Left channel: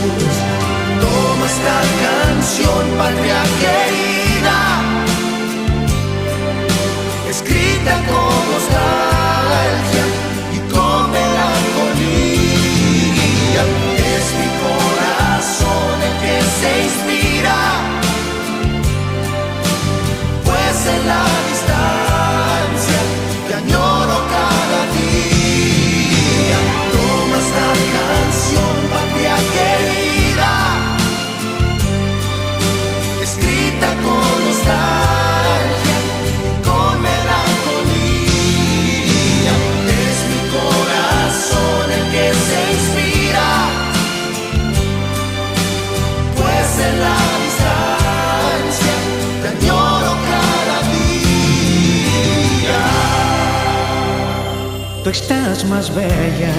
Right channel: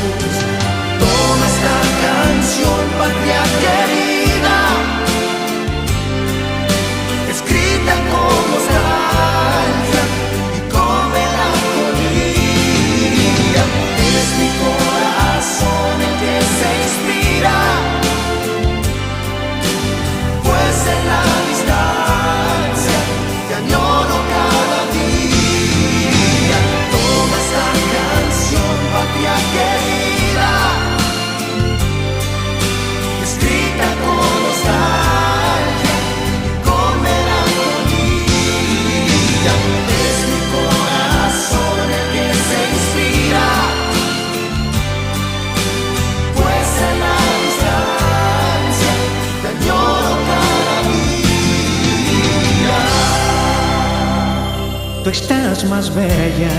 Toma esta canción, patria querida, escrita con nostalgia y con melancolía. Es mi corazón el que se inspira, pues en la distancia te añoro cada día. Toma esta canción, patria querida, escrita con nostalgia y con melancolía. Es mi corazón el que se inspira, pues en la distancia te añoro cada día. Tú estás más bella